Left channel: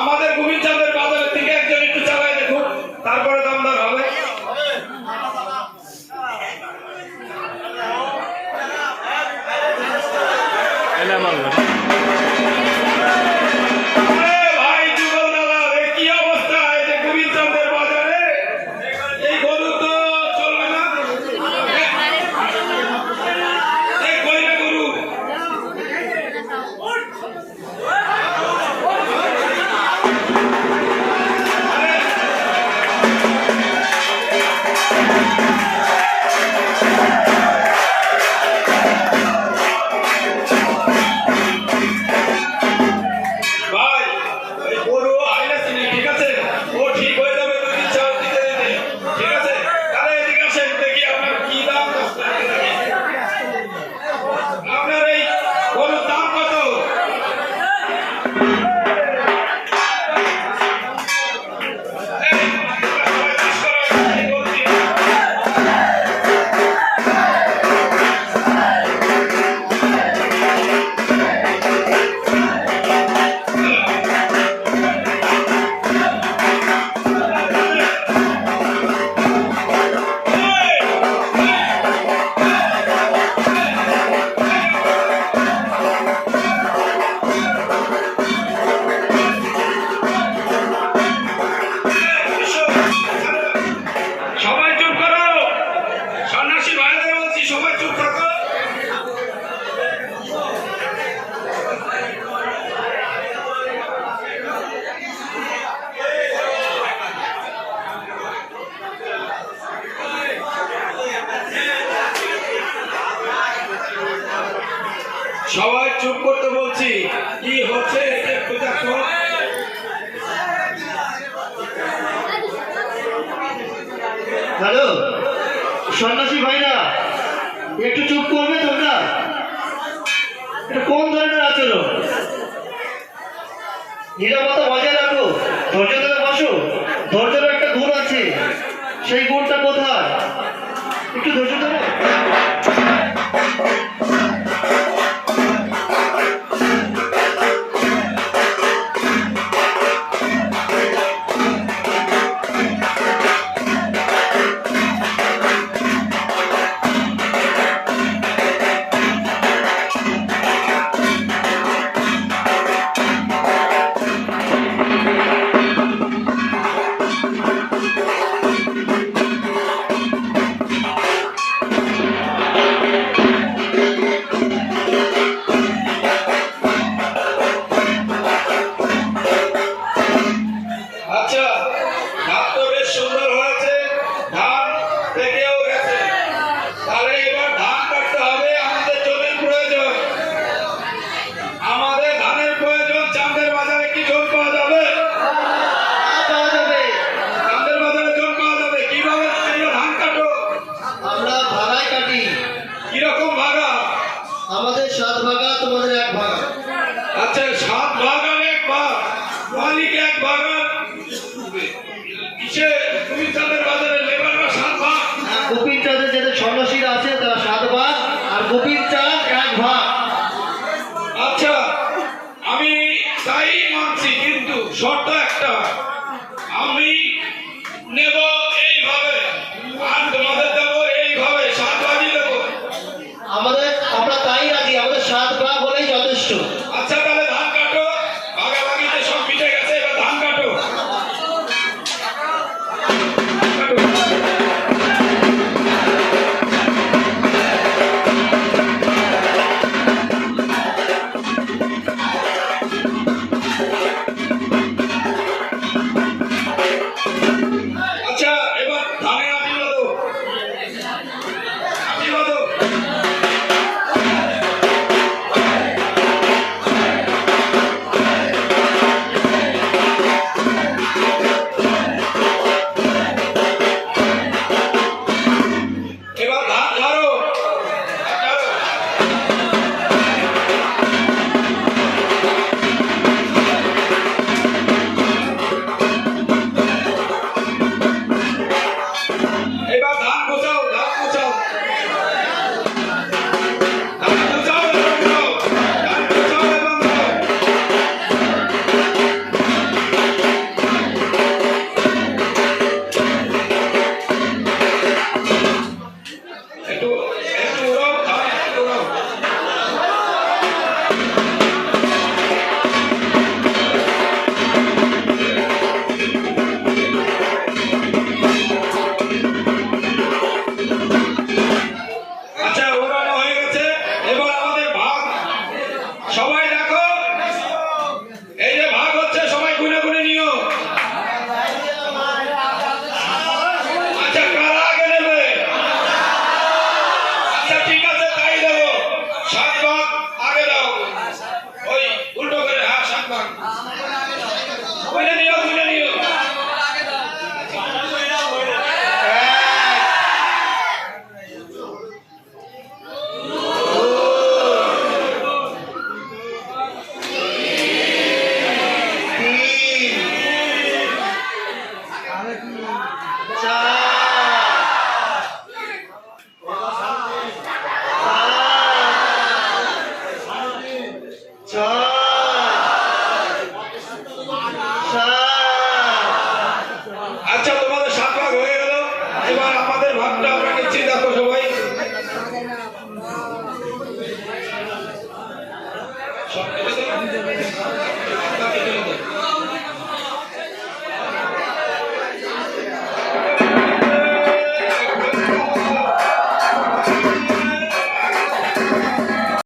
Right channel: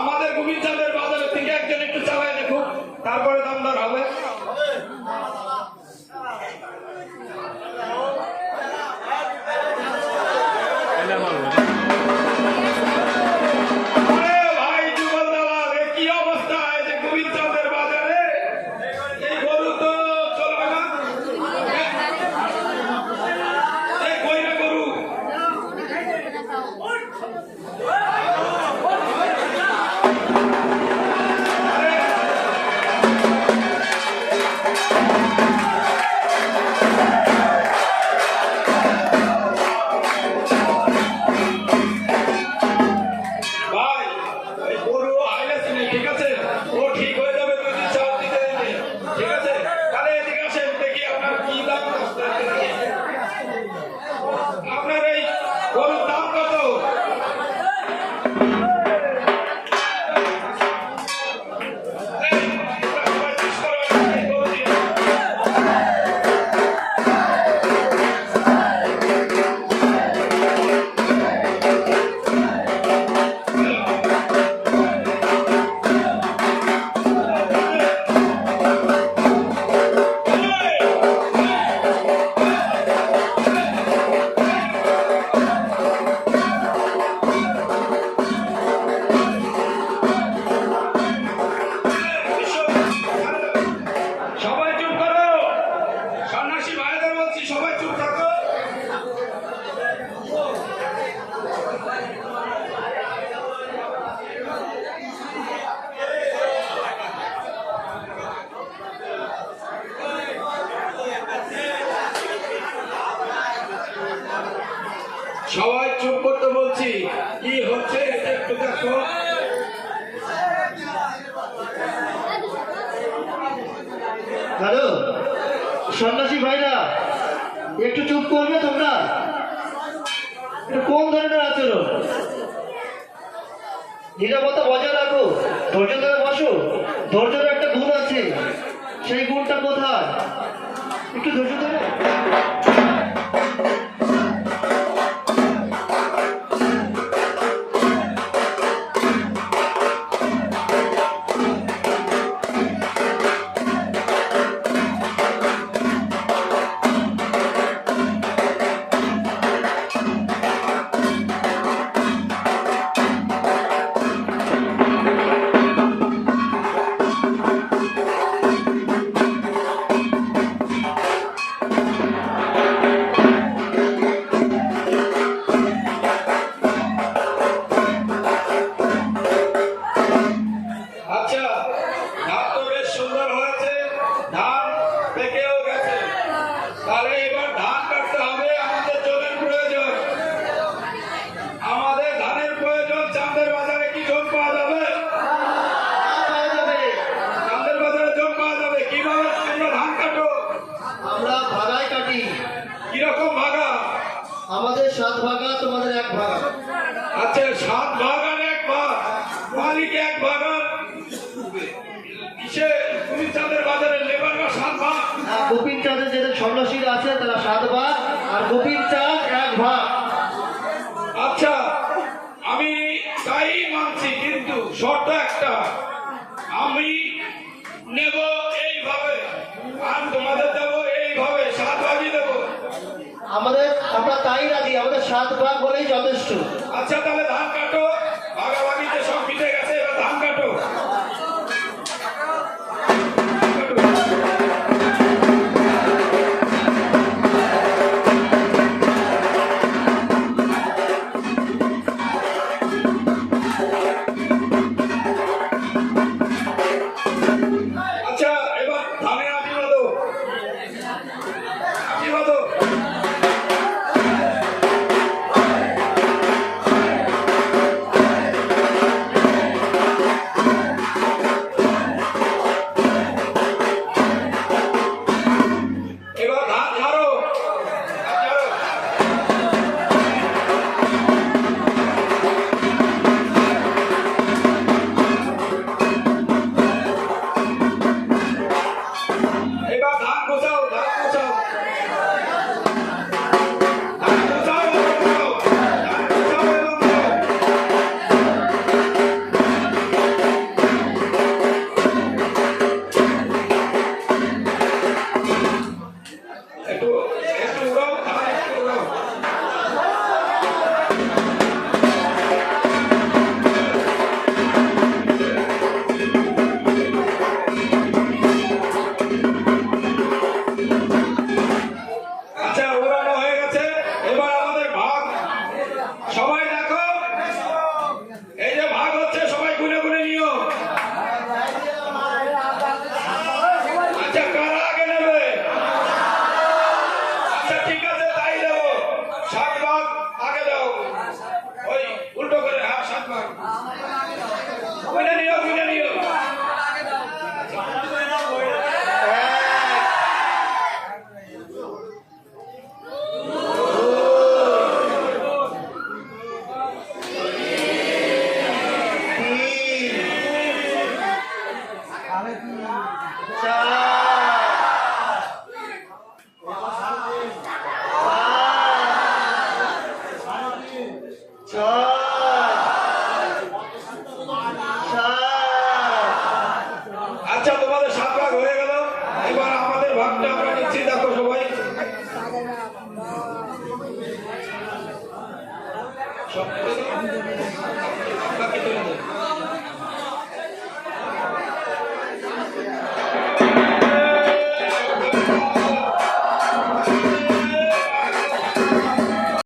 আমাদের গোবিন্দচাঁদের বাজারের থেকে একজন একটু চালায় দেখুন, তারপরে দামদার হবে। সবাই চুপ করতে বলছি। কি হচ্ছে একটু দেখো। হ্যালো সন্ন্যাসী ভাইরা, একটু চুপ করবে তোমরা? এটা কোন ধরনের আচরণ? নিরাপত্তা বজায় রাখো, ধৈর্য ধরে বসো। ধৈর্যের একটা গুণ আছে, সেই গুণটা কোথায়? একটু ধৈর্য ধরো। আমাদের 7 ভাগা, তোমাদের 1 ভাগ। আচ্ছা 7 ভাগ আর 1 ভাগ, মালিক 1 ভাগ। কিসে গোবিন্দচাঁদের বাজারে লেবাররা 7 ভাগ? গোবিন্দচাঁদের যাদের সন্ন্যাসীরা আছে তারা 7 ভাগ, আর গোবিন্দচাঁদ 1 ভাগ। আচ্ছা আমি তাই মানছি, কিন্তু শর্ত একটা, আমি নেব এইভাবে আর তোমাদের দেব এইভাবে, 7 ভাগই দেবো। আমরা তাই রাজি, আমাদের 7 ভাগ হলেই যথেষ্ট। আচ্ছা তাহলে ধান কাটো, ভাগাভাগিতে সব মিটে গেছে, এবার ধান কাটো। আচ্ছা এবার ধানে আটি বাঁধো, আটি বাঁধো। সব কেটে দাও।